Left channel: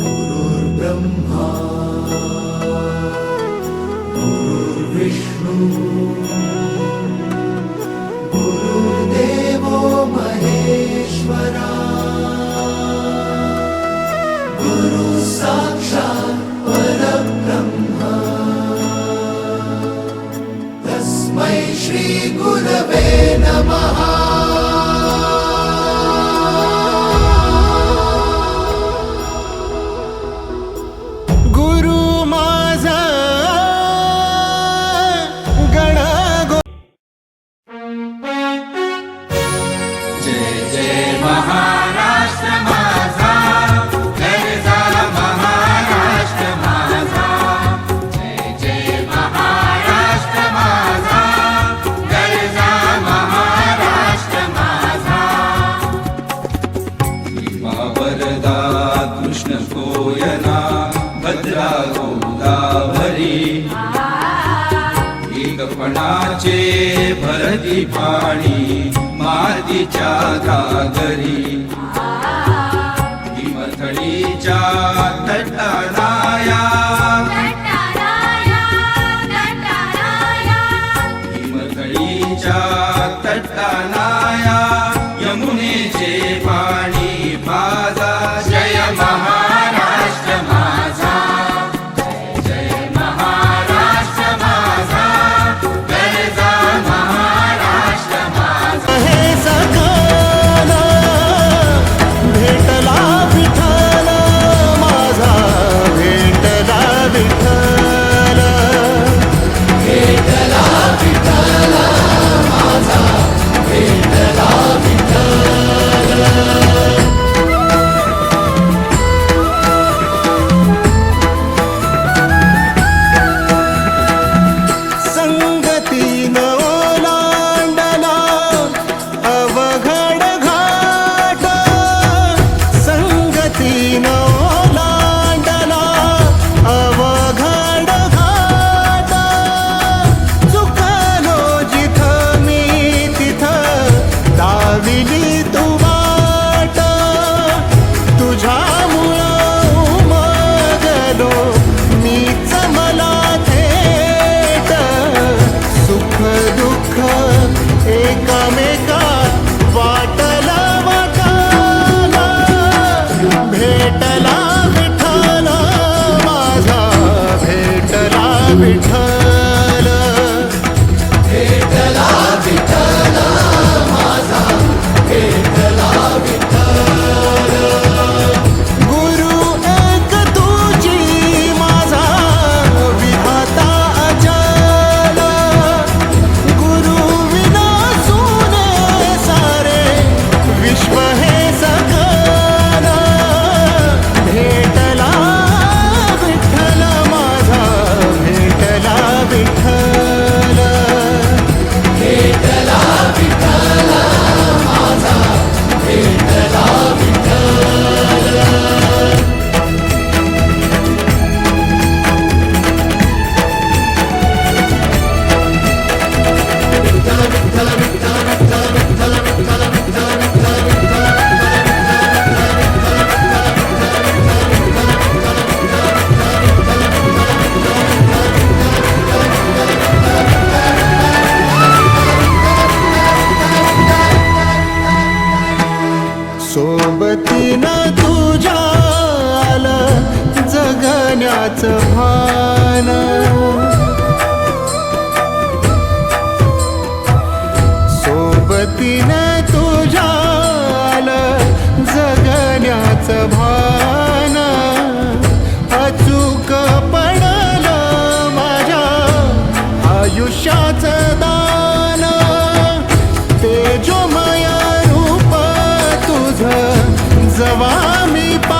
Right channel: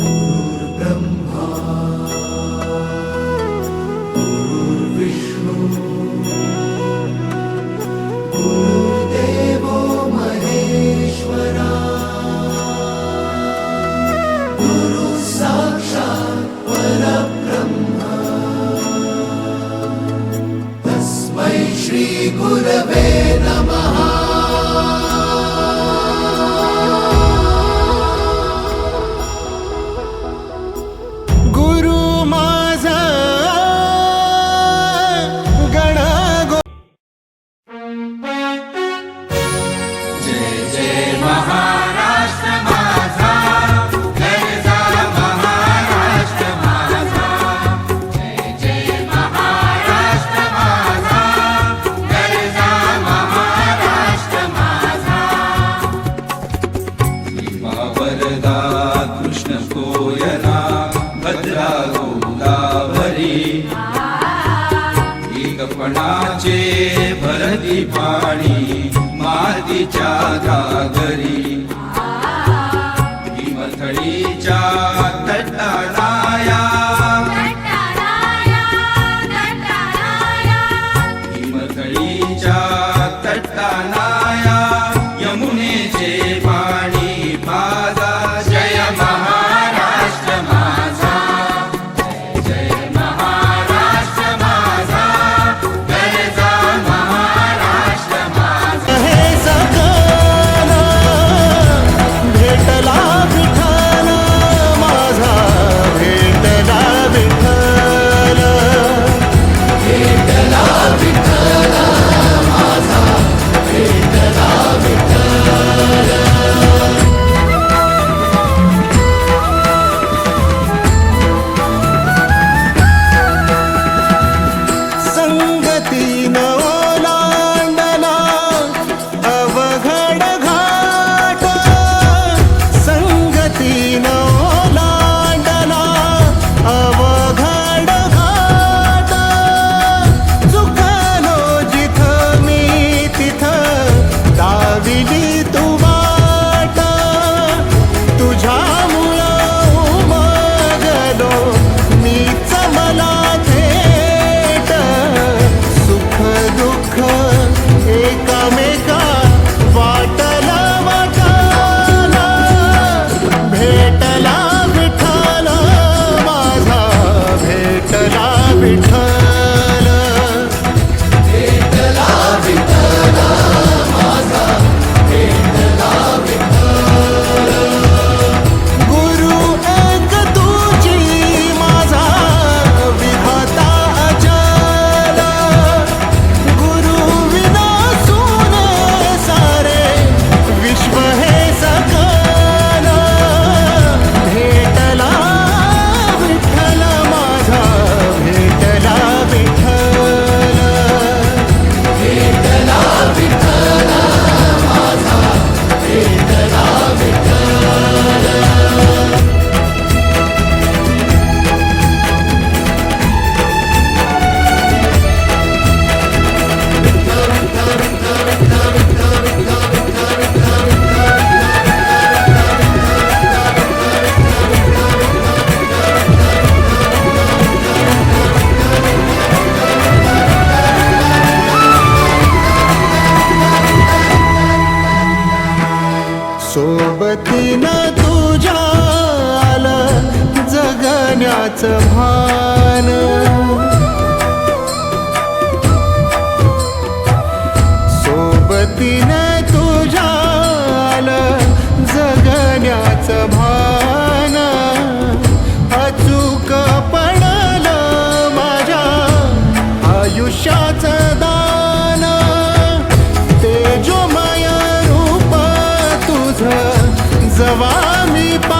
gurur demha. एकपणाचे भरती पाणी मातीच्या घागरी हिमथळीच्या तटाला வேண்டும் सुख एकामेका वाटला वाटाला भेटला विठाला माझा भेटला विठ गण्याचं भान. सोबतीने तुझ्या जगण्याचं भान. अचूक माझ्या आयुष्याचं दान. ते जो माया रूप तुझ जवा मी पा